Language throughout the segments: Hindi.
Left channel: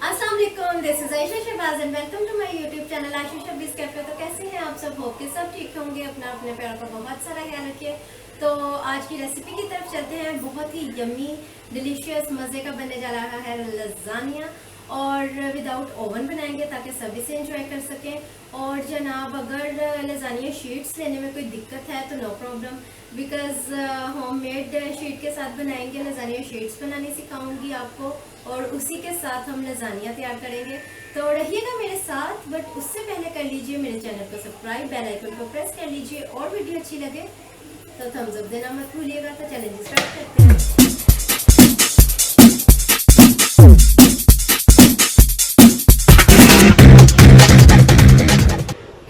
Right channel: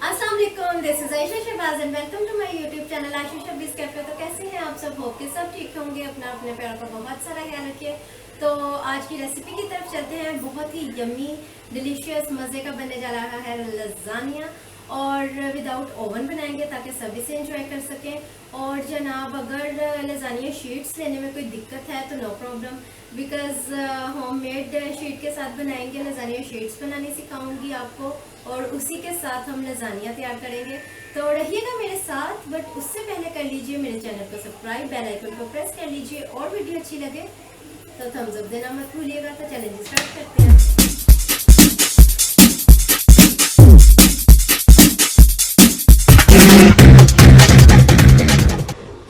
अस्सलाम वालेकुम, this is Ayesha Shahbaz and welcome to my YouTube channel Ayesha Shahbaz cafe. तो कैसे हैं आप सब? होप के सब ठीक होंगे। अपना अपने प्यार का बहुत सारा ख्याल रखिए। तो आज की रेसिपी की तरफ चलते हैं। बहुत ही यम्मी डिलीशियस मज़े का बनने जा रहा है लजानिया, और विदाउट ओवन बनाएंगे ताकि सभी से एंजॉय कर सकें। और जनाब, अगर लजानिया शीट्स लेने में कोई दिक्कत है तो no problem, because homemade sheet के साथ बनाएंगे। लजानिया शीट्स बनानी सिखाऊंगी आपको और उसी के साथ हम लजानिया तैयार करेंगे। तो रहिएगा मेरे साथ, बट उससे पहले कर लीजिए मेरे चैनल को सब्सक्राइब, बेल आइकन को प्रेस कर लीजिए, और वीडियो अच्छी लगे तो थम्स अप देना मत भूलिएगा। तो चैलेंज स्टार्ट करते हैं।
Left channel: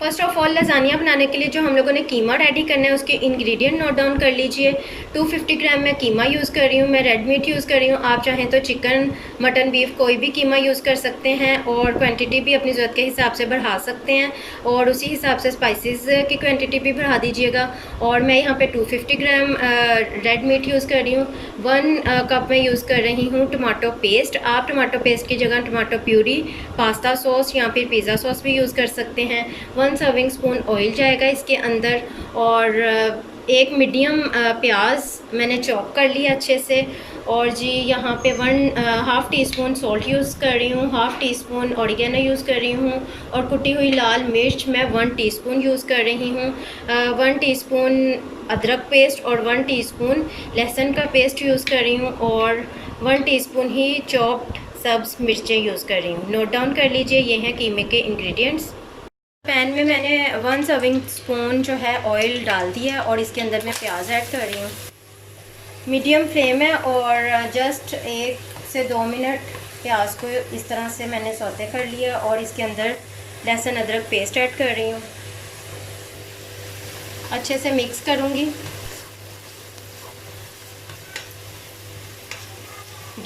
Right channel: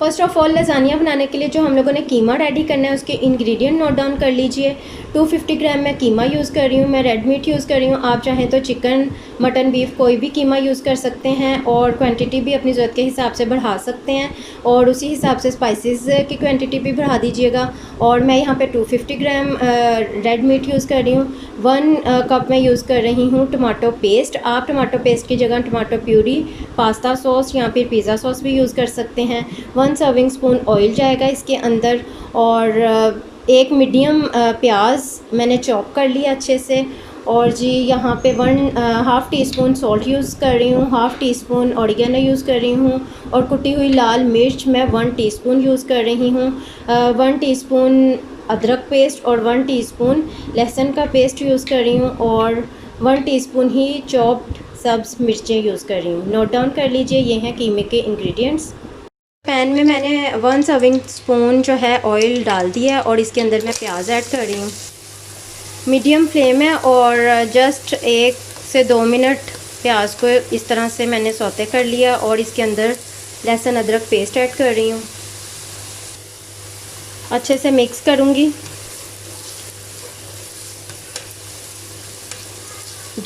फर्स्ट ऑफ ऑल लजानिया बनाने के लिए जो हम लोगों ने कीमा रेडी करना है उसके इंग्रेडिएंट नोट डाउन कर लीजिए। 250 ग्राम मैं कीमा यूज़ कर रही हूँ। मैं रेड मीट यूज़ कर रही हूँ। आप चाहें तो चिकन, मटन, बीफ कोई भी कीमा यूज़ कर सकते हैं, और क्वांटिटी भी अपनी ज़रूरत के हिसाब से बढ़ा सकते हैं, और उसी हिसाब से स्पाइसेस की क्वांटिटी भी बढ़ा दीजिएगा। और मैं यहाँ पे 250 ग्राम रेड मीट यूज़ कर रही हूँ। 1 कप मैं यूज़ कर रही हूँ टमाटो पेस्ट। आप टमाटो पेस्ट की जगह टमाटो प्यूरी, पास्ता सॉस या फिर पिज़्ज़ा सॉस भी यूज़ कर सकते हैं। 1 सर्विंग स्पून ऑयल जाएगा इसके अंदर, और एक मीडियम प्याज मैंने चॉप कर लिया अच्छे से। और जी यहाँ पे 1/2 टीस्पून सॉल्ट यूज़ कर रही हूँ, 1/2 टीस्पून ऑरिगेनो यूज़ कर रही हूँ, और कुटी हुई लाल मिर्च मैं 1 टीस्पून यूज़ कर रही हूँ। 1 टीस्पून अदरक पेस्ट और 1 टीस्पून लहसुन का पेस्ट यूज़ कर रही हूँ, और 1 टीस्पून ही चॉप्ड सब्ज़ मिर्चें यूज़ कर रही हूँ। नोट डाउन कर लीजिए, ये हैं कीमे के इंग्रेडिएंट्स। पैन में मैंने 1 सर्विंग स्पून जो है ऑयल डाल दिया है, और इसके अंदर मैं प्याज ऐड कर रही हूँ। मीडियम फ्लेम है, और जस्ट 1 से 2 मिनट प्याज को इस तरह से मैंने सौते कर लिया, और इसके अंदर लहसुन अदरक पेस्ट ऐड कर रही हूँ। अच्छे से मिक्स करूँगी।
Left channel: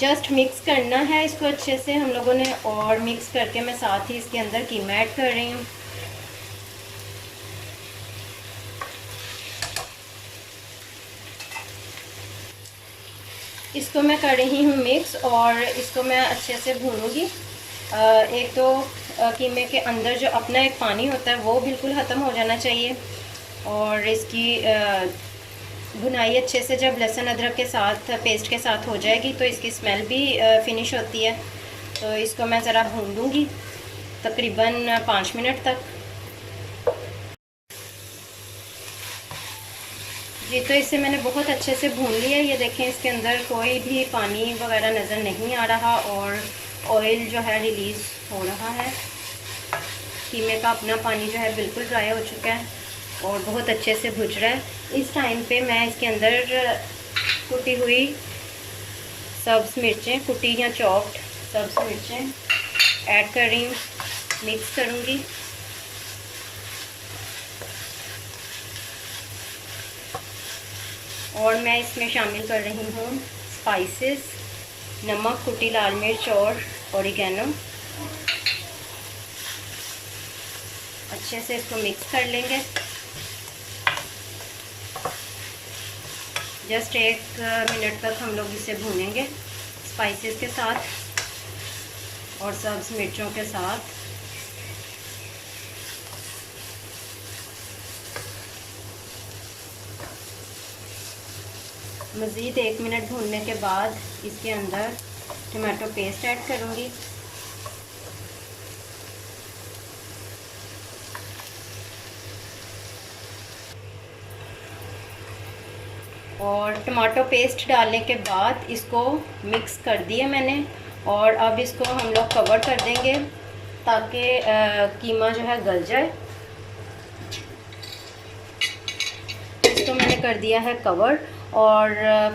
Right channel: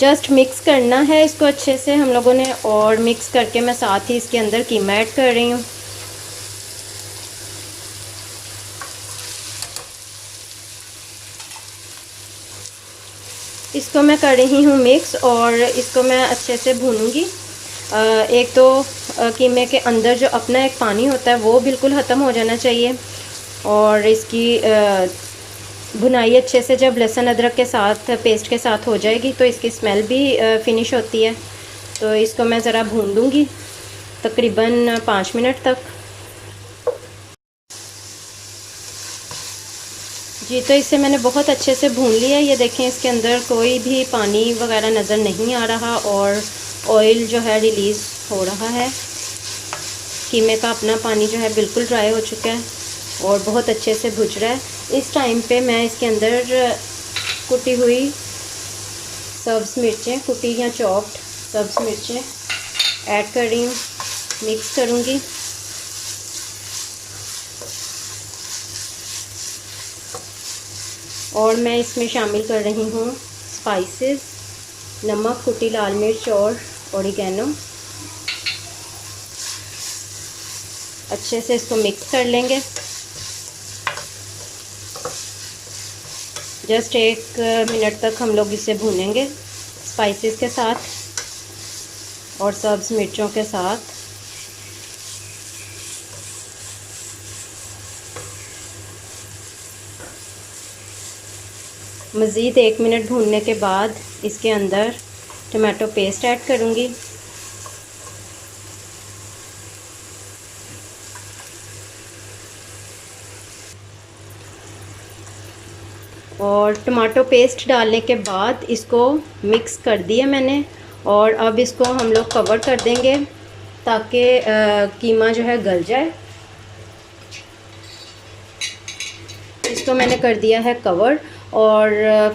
जस्ट मिक्स करना है इसको अच्छे से हम लोगों ने, और मिक्स करके मैं साथ ही इसके अंदर कीमा ऐड कर रही हूँ। इसको मैं कर रही हूँ मिक्स, और इसको मैं अच्छे से भूनूंगी। एक तो कीमे के अंदर जो अपना एक पानी होता है वो बिल्कुल ख़त्म हो जाना चाहिए, और इसकी भुनाई अच्छे से जब लहसुन अदरक के साथ पेस्ट के साथ हो जाएगी तो इसकी स्मेल भी फिनिश होती है। तो इसको मैं ज़रा भून लूँगी तकरीबन 5 मिनट तक। जी, तो इसे मैंने बहुत अच्छे से भून लिया। ये देखें, इसके अंदर कोई भी पानी वगैरह नज़र नहीं आ रहा, और ऑयल जो है रिलीज़ हो रहा है। कीमे का अपना पानी जो है बिल्कुल ड्राई हो चुका है, और बहुत अच्छे से भुज रहा है। इस टाइम पे मैं इसके अंदर कुटी हुई सब्ज़ मिर्चें, कुटी या चॉप्ड सब्ज़ मिर्चें ऐड कर रही हूँ। मिक्स करूँगी। और मैं इसमें शामिल कर रही हूँ स्पाइसेस, नमक, कुटी लाल मिर्च और ऑरिगेनो। अच्छे से इसको मिक्स कर लेंगे। जस्ट 1 मिनट तक हम लोग इसे भूनेंगे स्पाइसेस के साथ और सब्ज़ मिर्चों के साथ। मज़ीद 1 मिनट भूनने के बाद इसके अंदर टमाटो पेस्ट ऐड करूँगी। और टमाटो पेस्ट डालने के बाद इसको मिक्स कर दिया मैंने, और अब इसको हम लोग कवर कर देंगे ताकि कीमा जो है गल जाए। इसको मैंने कर दिया है कवर, और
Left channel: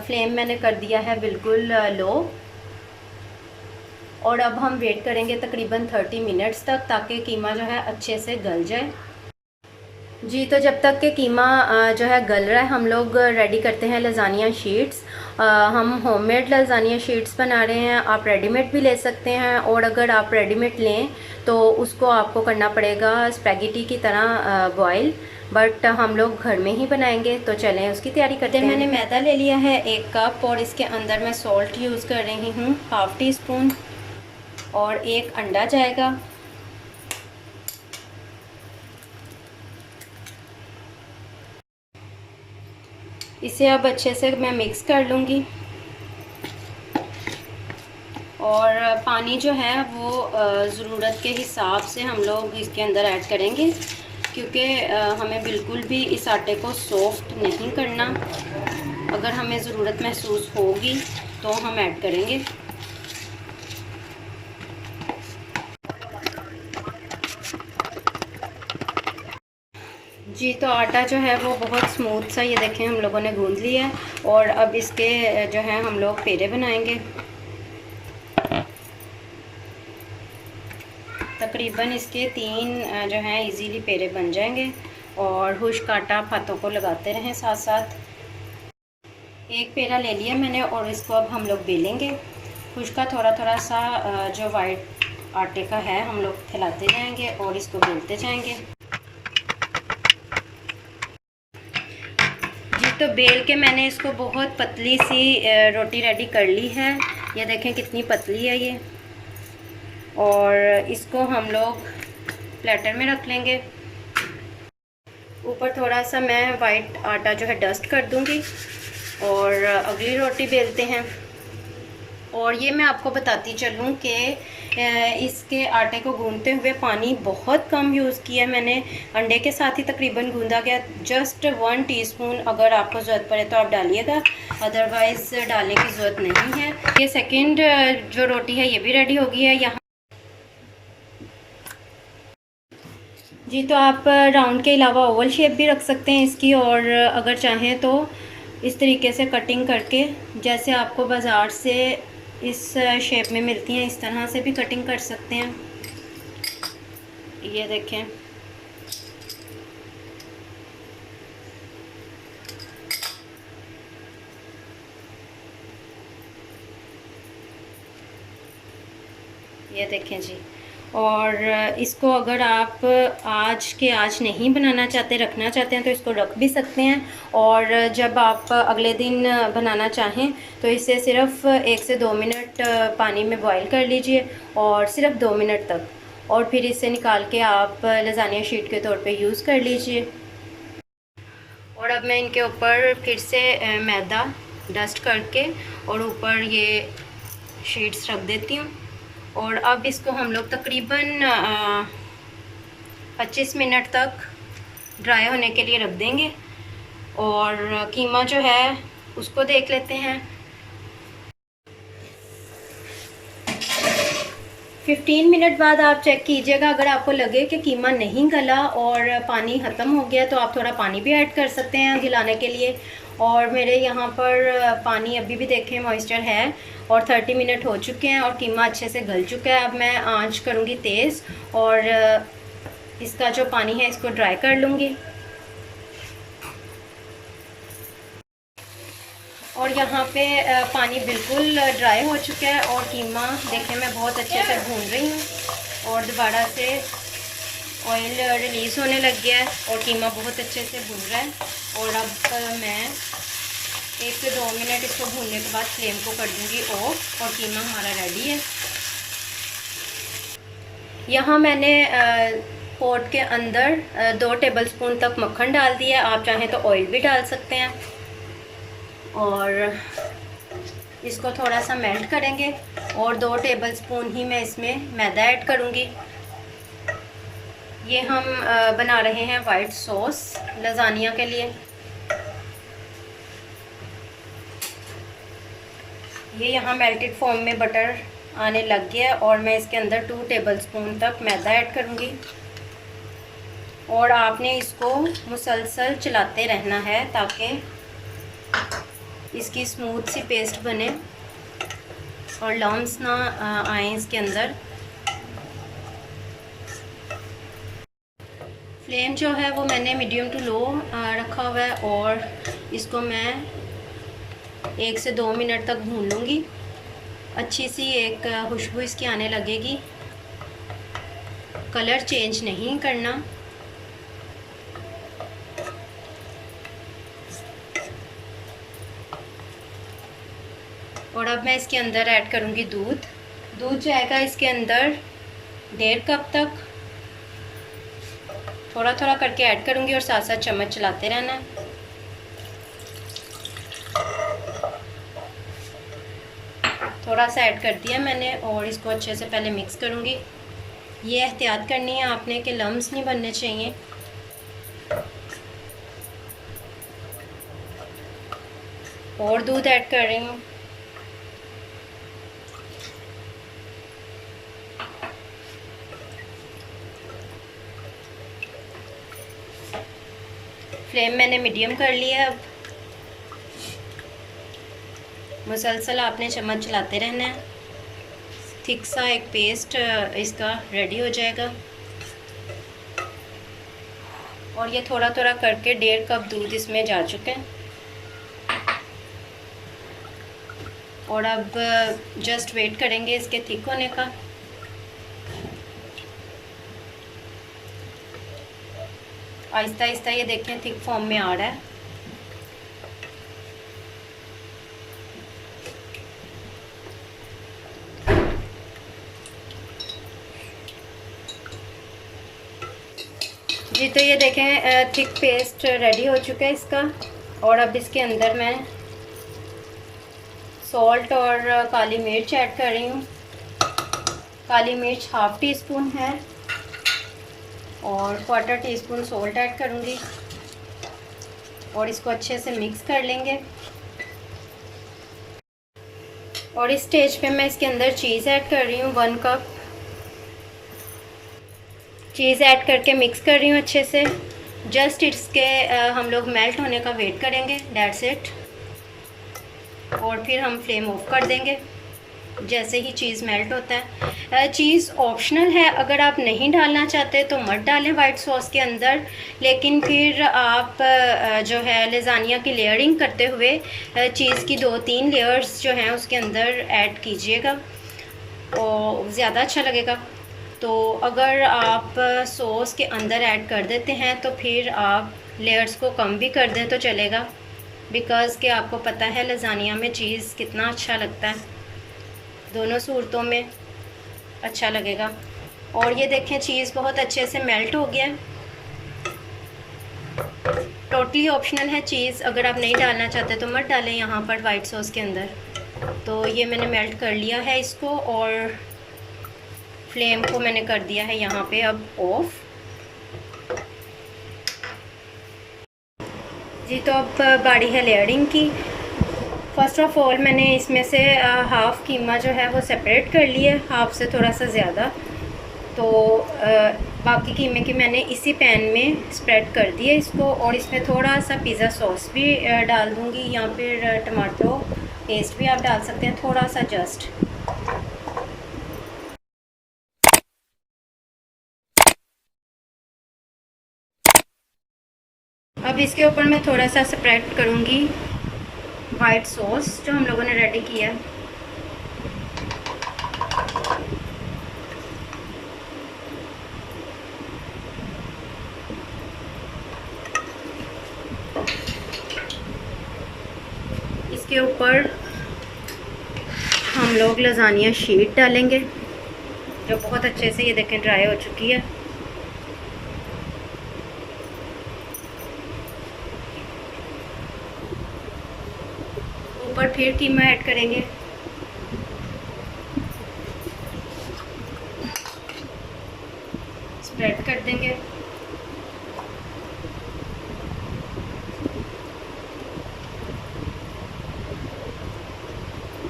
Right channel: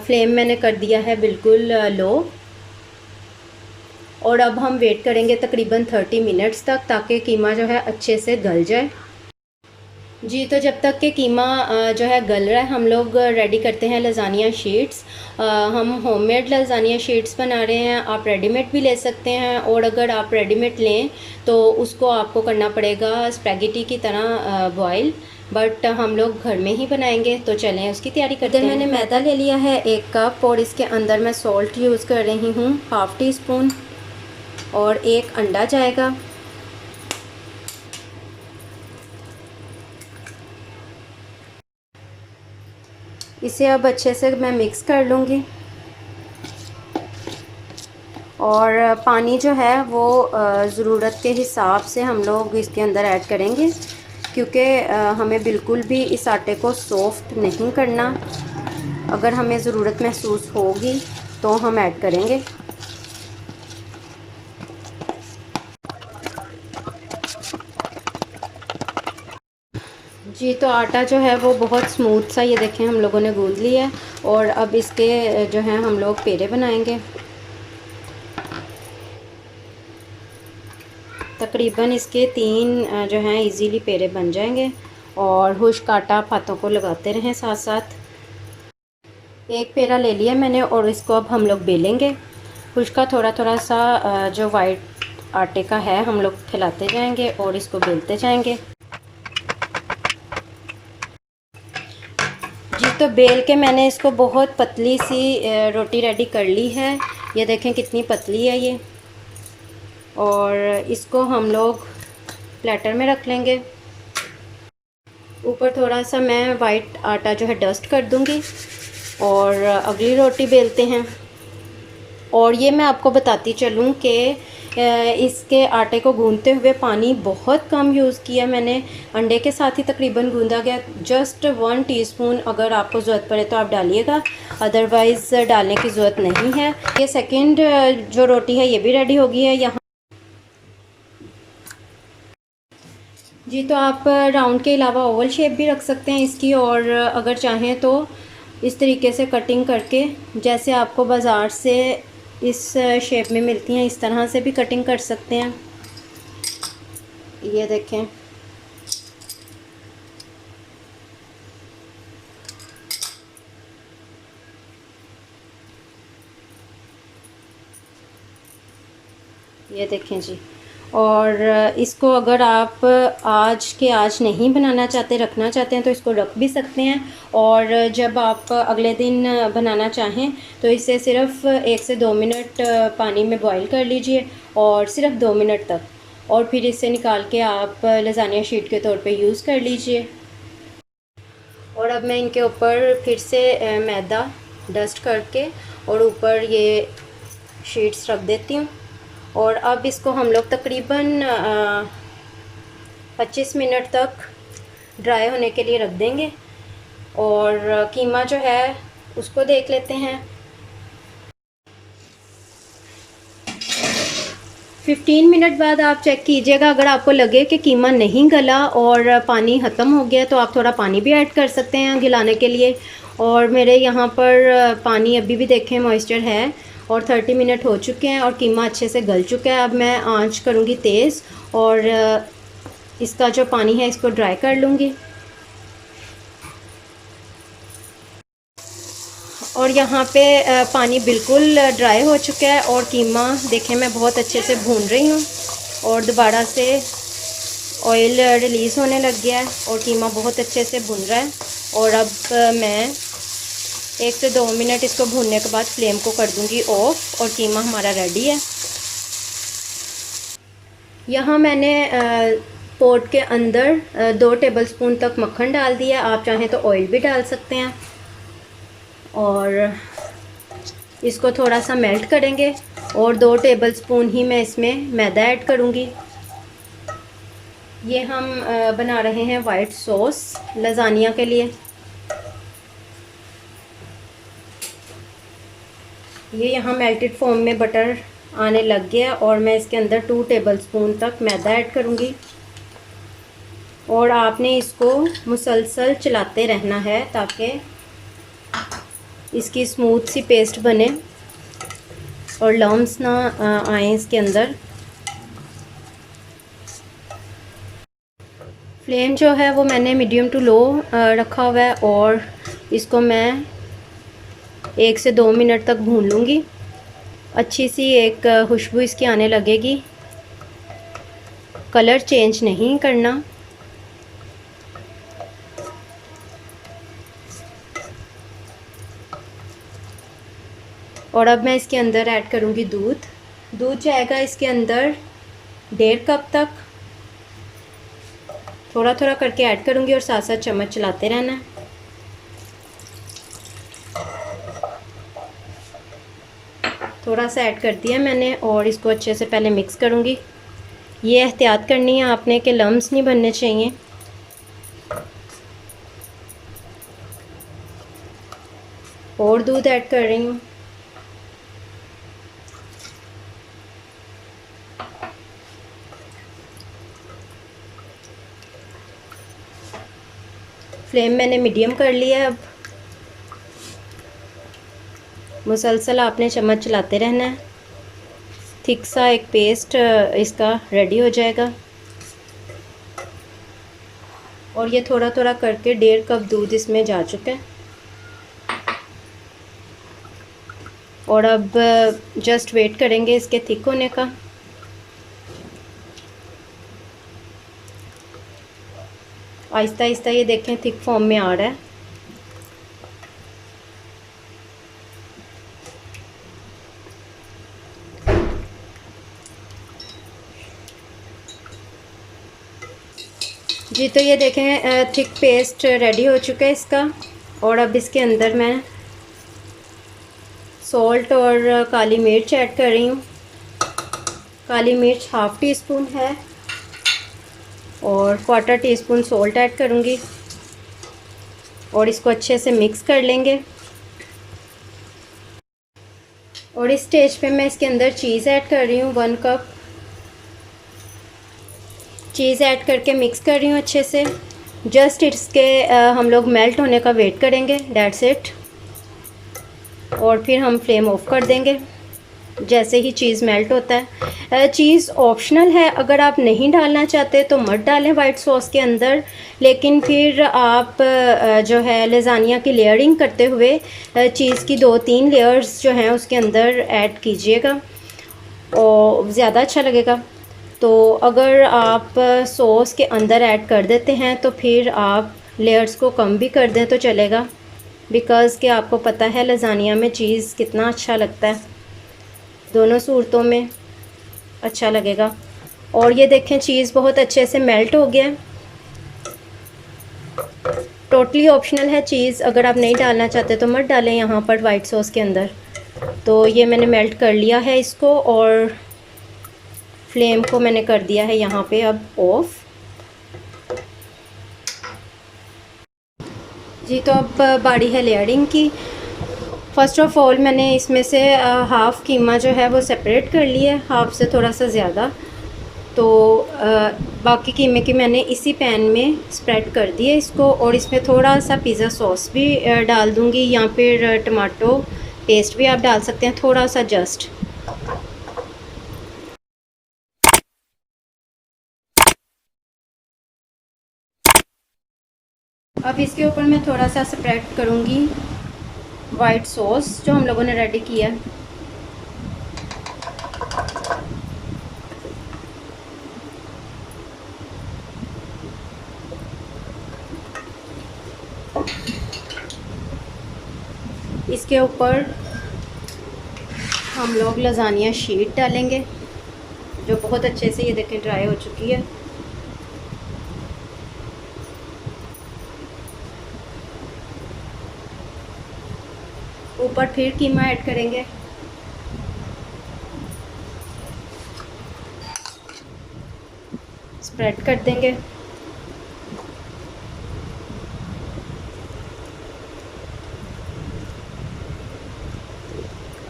फ्लेम मैंने कर दिया है बिल्कुल लो। और अब हम वेट करेंगे तकरीबन 30 मिनट्स तक, ताकि कीमा जो है अच्छे से गल जाए। जी, तो जब तक कि कीमा जो है गल रहा है, हम लोग रेडी करते हैं लजानिया शीट्स। हम होममेड लजानिया शीट्स बना रहे हैं। आप रेडीमेड भी ले सकते हैं, और अगर आप रेडीमेड लें तो उसको आपको करना पड़ेगा स्पैगेटी की तरह बॉयल, बट हम लोग घर में ही बनाएंगे। तो चलें उसकी तैयारी करते हैं। मैंने मैदा ले लिया है 1 कप, और इसके अंदर मैं सॉल्ट यूज़ कर रही हूँ 1/2 टीस्पून। और एक अंडा जाएगा। इसे अब अच्छे से मैं मिक्स कर लूँगी। और पानी जो है वो ज़रूरत के हिसाब से हम लोग इसके अंदर ऐड करेंगे, क्योंकि हमें बिल्कुल भी इस आटे को सॉफ्ट नहीं करना। अगर हमें ज़रूरत महसूस होगी तो हम ऐड करेंगे। जी, तो आटा जो है वो बहुत स्मूथ सा, ये देखें, हम लोगों ने गूंद लिया है। और अब इसके जो है हम लोग पेड़े बनाएंगे। तकरीबन इसके 3 जो हैं इजीली पेड़े बन जाएंगे। और खुश्क आटा आप हाथों को लगाते रहें साथ साथ। एक पेड़ा ले लिया मैंने और इसको अब हम लोग बेलेंगे। खुश्क का थोड़ा थोड़ा सा जो वाइट आटे का है हम लोग खिलाते जाएंगे और इसको बेलते जाएंगे। जी, तो बेल के मैंने इसको बहुत पतली सी रोटी रेडी कर ली है। ये देखें कितनी पतली है ये। और इसको हम लोग प्लेटर में रख लेंगे। ऊपर थोड़ा सा मैं वाइट आटा जो है डस्ट कर दूंगी और अगली रोटी बेलते हैं। और ये मैं आपको बताती चलूँ कि इसके आटे को गूंदते हुए पानी बहुत कम यूज़ किया मैंने। अंडे के साथ ही तकरीबन गूंदा गया। जस्ट 1 टीस्पून अगर आपको ज़रूरत पड़े तो आप डालिएगा, अदरवाइज़ डालने की ज़रूरत नहीं है। ये सेकंड जो रोटी है ये भी रेडी हो गई है यहाँ। जी, तो आप राउंड के अलावा ओवल शेप भी रख सकते हैं इसकी। और अगर चाहें तो इस तरीके से कटिंग करके, जैसे आपको बाज़ार से इस शेप में मिलती हैं, इस तरह से भी कटिंग कर सकते हैं। ये देखें। ये देखें जी। और इसको अगर आप आज के आज नहीं बनाना चाहते, रखना चाहते हैं, तो इसको रख भी सकते हैं। और जब आप अगले दिन बनाना चाहें तो इसे सिर्फ़ 1 से 2 मिनट पानी में बॉईल कर लीजिए, और सिर्फ 2 मिनट तक। और फिर इसे निकाल के आप लजानिया शीट के तौर पे यूज़ कर लीजिए। और अब मैं इनके ऊपर फिर से मैदा डस्ट करके और ऊपर ये शीट्स रख देती हूँ। और अब इसको हम लोग तकरीबन 25 मिनट तक ड्राई होने के लिए रख देंगे। और कीमा जो है उसको देख लेते हैं। 15 मिनट बाद आप चेक कीजिएगा। अगर आपको लगे कि कीमा नहीं गला और पानी ख़त्म हो गया तो आप थोड़ा पानी भी ऐड कर सकते हैं गलाने के लिए। और मेरे यहाँ पर पानी अभी भी देखें मॉइस्चर है। और 30 मिनट हो चुके हैं और कीमा अच्छे से गल चुका है। अब मैं आंच करूँगी तेज़ और इसका जो पानी है इसको ड्राई कर लूँगी। और यहाँ पे पानी बिल्कुल ड्राई हो चुका है और कीमा देखें मैं बहुत अच्छे से भून रही हूँ और दोबारा से ऑयल रिलीज़ होने लग गया है और कीमा बहुत अच्छे से भुन रहा है। और अब मैं 1 से 2 मिनट इसको भूनने के बाद फ्लेम को कर दूंगी ऑफ और कीमा हमारा रेडी है। यहाँ मैंने पोट के अंदर 2 टेबलस्पून तक मक्खन डाल दिया। आप चाहें तो ऑयल भी डाल सकते हैं। और इसको थोड़ा सा मेल्ट करेंगे और 2 टेबलस्पून ही मैं इसमें मैदा ऐड करूँगी। ये हम बना रहे हैं वाइट सॉस लजानिया के लिए। ये यहाँ मेल्टेड फॉर्म में बटर आने लग गया और मैं इसके अंदर 2 टेबलस्पून तक मैदा ऐड करूँगी। और आपने इसको मुसलसल चलाते रहना है ताकि इसकी स्मूथ सी पेस्ट बने और लम्स ना आए इसके अंदर। फ्लेम जो है वो मैंने मीडियम टू लो रखा हुआ है और इसको मैं 1 से 2 मिनट तक भून लूँगी। अच्छी सी एक खुशबू इसकी आने लगेगी। कलर चेंज नहीं करना। और अब मैं इसके अंदर ऐड करूँगी दूध। दूध जाएगा इसके अंदर 1.5 कप तक। थोड़ा थोड़ा करके ऐड करूँगी और साथ साथ चम्मच चलाते रहना है। थोड़ा सा ऐड कर दिया मैंने और इसको अच्छे से पहले मिक्स करूँगी। ये एहतियात करनी है आपने कि लम्स नहीं बनने चाहिए। और दूध ऐड कर रही हूँ। फ्लेम मैंने मीडियम कर लिया है। अब मुसलसल आपने चम्मच चलाते रहना है। थिक सा एक पेस्ट इसका रेडी हो जाएगा। और ये थोड़ा थोड़ा करके 1.5 कप दूध इसमें जा चुका है। और अब जस्ट वेट करेंगे इसके थिक होने का। आहिस्ता आहिस्ता ये देखें थिक फॉर्म में आ रहा है। जी तो ये देखें थिक पेस्ट रेडी हो चुका है इसका। और अब इसके अंदर मैं सॉल्ट और काली मिर्च ऐड कर रही हूँ। काली मिर्च ½ टीस्पून है और 1/4 टीस्पून सॉल्ट ऐड करूँगी और इसको अच्छे से मिक्स कर लेंगे। और इस स्टेज पे मैं इसके अंदर चीज़ ऐड कर रही हूँ। 1 कप चीज़ ऐड करके मिक्स कर रही हूँ अच्छे से। जस्ट इसके हम लोग मेल्ट होने का वेट करेंगे, दैट्स इट। और फिर हम फ्लेम ऑफ कर देंगे जैसे ही चीज़ मेल्ट होता है। चीज़ ऑप्शनल है, अगर आप नहीं डालना चाहते तो मत डालें वाइट सॉस के अंदर। लेकिन फिर आप जो है लज़ानिया की लेयरिंग करते हुए चीज़ की 2-3 लेयर्स जो हैं उसके अंदर ऐड कीजिएगा और ज़्यादा अच्छा लगेगा। तो अगर आप सॉस के अंदर ऐड कर देते हैं तो फिर आप लेयर्स को कम भी कर दें तो चलेगा, बिकॉज़ कि आपको पता है लज़ानिया में चीज़ कितना अच्छा लगता है। दोनों सूरतों में अच्छा लगेगा। और ये देखें चीज़ बहुत अच्छे से मेल्ट हो गया। टोटली ऑप्शनल है चीज़, अगर आप नहीं डालना चाहते तो मत डालें यहाँ पर वाइट सॉस के अंदर। तो ये मैंने मेल्ट कर लिया है इसको और फ्लेम को मैंने कर दिया है यहाँ पे अब ऑफ। जी तो अब बारी है लेयरिंग की। फ़र्स्ट ऑफ़ ऑल मैंने इसमें से हाफ़ कीमा जो है वो सेपरेट कर लिया, हाफ़ से थोड़ा सा ज़्यादा। तो बाकी कीमे की मैंने इसी पैन में स्प्रेड कर दिया इसको। और इसमें थोड़ा सा पिज़्ज़ा सॉस भी डाल दूँगी, या फिर टमाटो पेस्ट भी आप डाल सकते हैं थोड़ा सा जस्ट। अब इसके ऊपर मैं थोड़ा सा स्प्रेड करूँगी वाइट सॉस जो हम लोगों ने रेडी किया है। इसके ऊपर हम लोग लज़ानिया शीट डालेंगे जो बहुत अच्छे से ये देखें ड्राई हो चुकी है। ऊपर फिर कीमा ऐड करेंगे। स्प्रेड कर देंगे।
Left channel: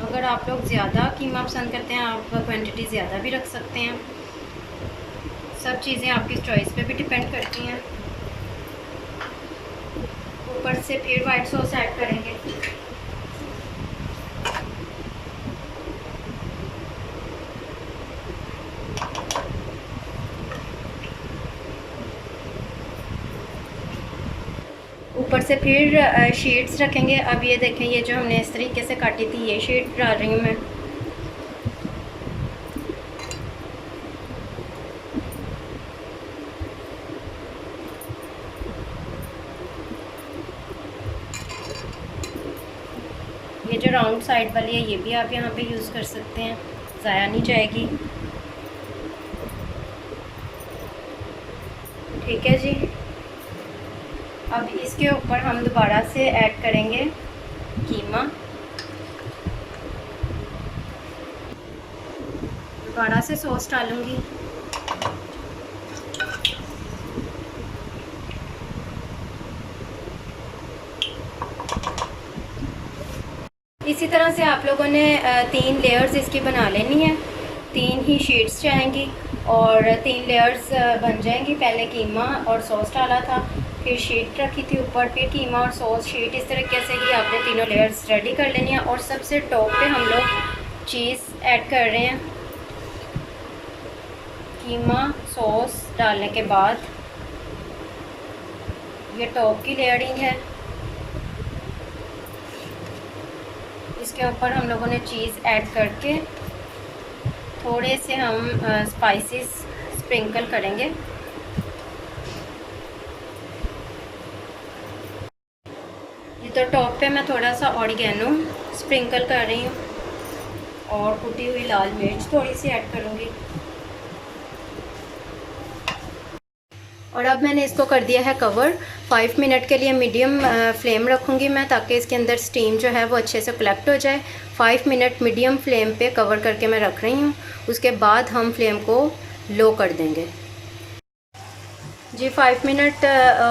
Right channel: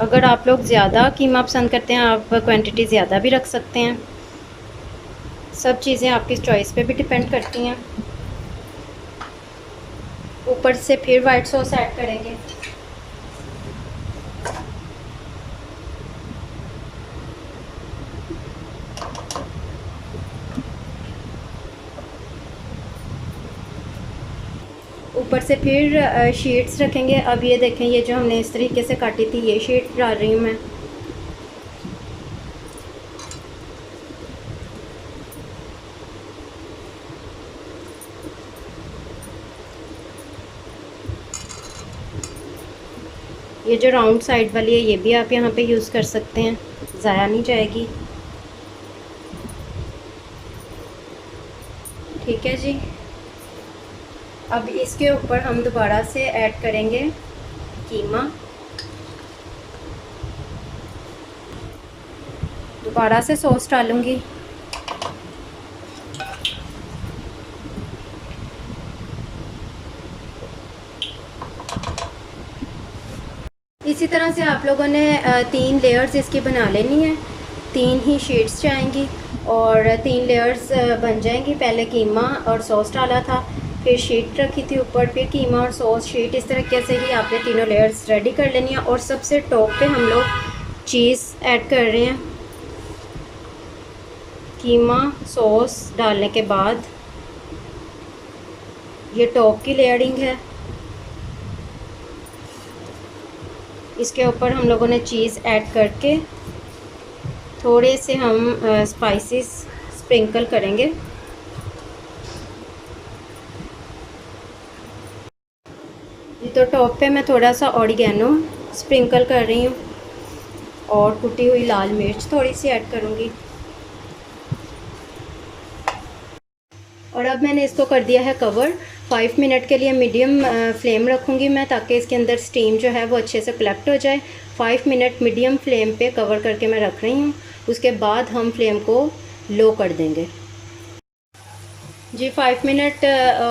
अगर आप लोग ज़्यादा कीमा पसंद करते हैं आप क्वांटिटी ज़्यादा भी रख सकते हैं। सब चीज़ें आपकी चॉइस पे भी डिपेंड करती हैं। ऊपर से फिर वाइट सॉस ऐड करेंगे। ऊपर से फिर शीट्स रखेंगे। अब ये देखें ये जो हमने इस तरीके से काटी थी ये शीट डाल रही हूँ मैं। ये जो राउंड साइड वाली है ये भी आप यहाँ पे यूज़ कर सकते हैं। ज़ाया नहीं जाएगी। ठीक है जी। अब इसके ऊपर हम दोबारा से ऐड करेंगे कीमा। दोबारा से सॉस डालूँगी। इसी तरह से आप लोगों ने 3 लेयर्स इसकी बना लेनी है। 3 ही शीट्स जाएंगी और 3 लेयर्स बन जाएंगी। पहले कीमा और सॉस डाला था, फिर शीट रखी थी ऊपर, फिर कीमा और सॉस शीट। इस तरीके से ही आपने तीनों लेयर्स रेडी कर लेनी है। और सबसे टॉप पे हम लोग चीज़ ऐड कर रहे हैं। कीमा सॉस डालने के बाद ये टॉप की लेयरिंग है। इसके ऊपर हम लोगों ने चीज़ ऐड करके थोड़े से हम स्पाइसेस स्प्रिंकल करेंगे। ये तो टॉप पे मैं थोड़ा सा ऑरिगेनो स्प्रिंकल कर रही हूँ और कुटी हुई लाल मिर्च थोड़ी सी ऐड करूँगी। और अब मैंने इसको कर दिया है कवर। 5 मिनट के लिए मीडियम फ्लेम रखूँगी मैं, ताकि इसके अंदर स्टीम जो है वो अच्छे से कलेक्ट हो जाए। 5 मिनट मीडियम फ्लेम पे कवर करके मैं रख रही हूँ। उसके बाद हम फ्लेम को लो कर देंगे। जी 5 मिनट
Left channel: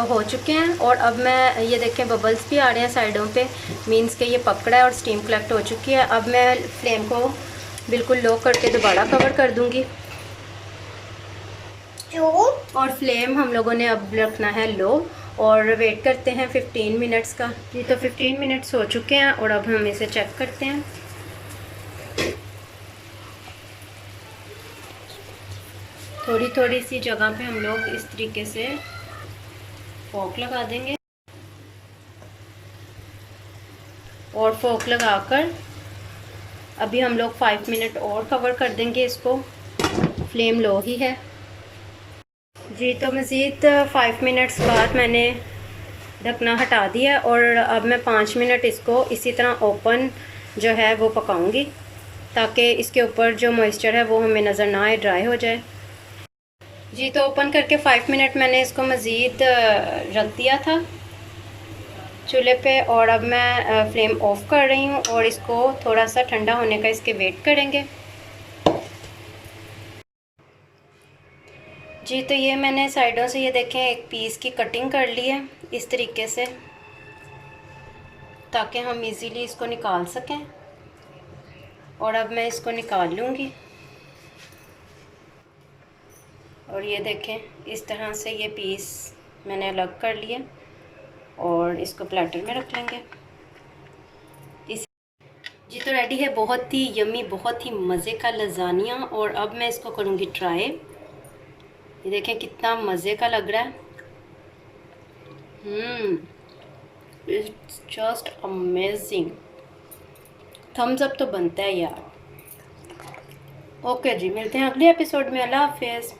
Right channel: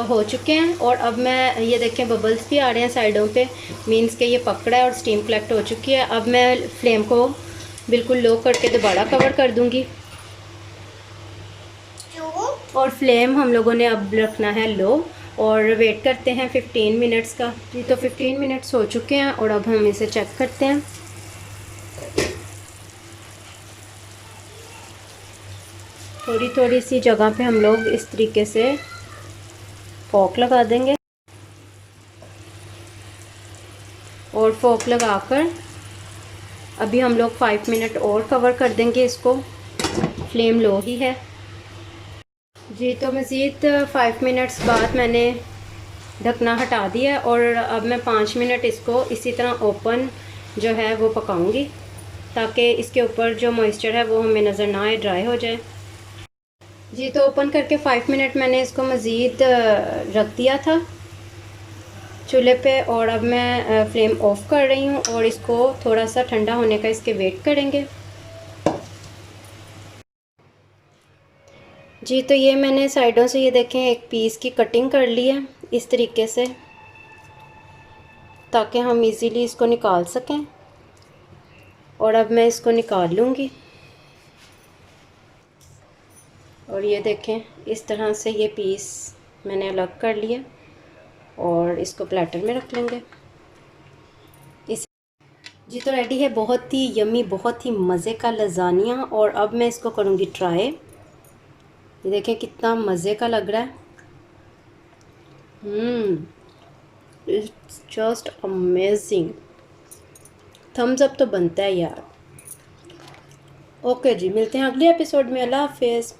हो चुके हैं और अब मैं ये देखें बबल्स भी आ रहे हैं साइडों पे, मीन्स के ये पकड़ा है और स्टीम कलेक्ट हो चुकी है। अब मैं फ्लेम को बिल्कुल लो करके दोबारा कवर कर दूँगी और फ्लेम हम लोगों ने अब रखना है लो और वेट करते हैं 15 मिनट्स का। जी तो 15 मिनट्स हो चुके हैं और अब हम इसे चेक करते हैं। थोड़ी थोड़ी सी जगह पे हम लोग इस तरीके से फोक लगा देंगे और फोक लगाकर अभी हम लोग 5 मिनट और कवर कर देंगे इसको। फ्लेम लो ही है। जी तो मज़ीद 5 मिनट्स बाद मैंने ढकना हटा दिया और अब मैं 5 मिनट इसको इसी तरह ओपन जो है वो पकाऊंगी, ताकि इसके ऊपर जो मॉइस्चर है वो हमें नज़र ना आए, ड्राई हो जाए। जी तो ओपन करके 5 मिनट मैंने इसको मज़ीद रख दिया था चूल्हे पे और अब मैं फ्लेम ऑफ कर रही हूँ और इसको थोड़ा सा ठंडा होने का इसके वेट करेंगे। जी तो ये मैंने साइडों से ये देखें एक पीस की कटिंग कर ली है इस तरीके से, ताकि हम इजीली इसको निकाल सकें। और अब मैं इसको निकाल लूँगी और ये देखें इस तरह से ये पीस मैंने अलग कर लिया और इसको प्लेटर में रख लेंगे। इस जी तो रेडी है बहुत ही यमी, बहुत ही मज़े का लज़ानिया। और अब मैं इसको करूँगी ट्राई। ये देखें कितना मज़े का लग रहा है। It's just amazing. Thumbs up तो बनता है यार। ओके जी, मिलते हैं अगले एपिसोड में। अल्लाह हाफिज़।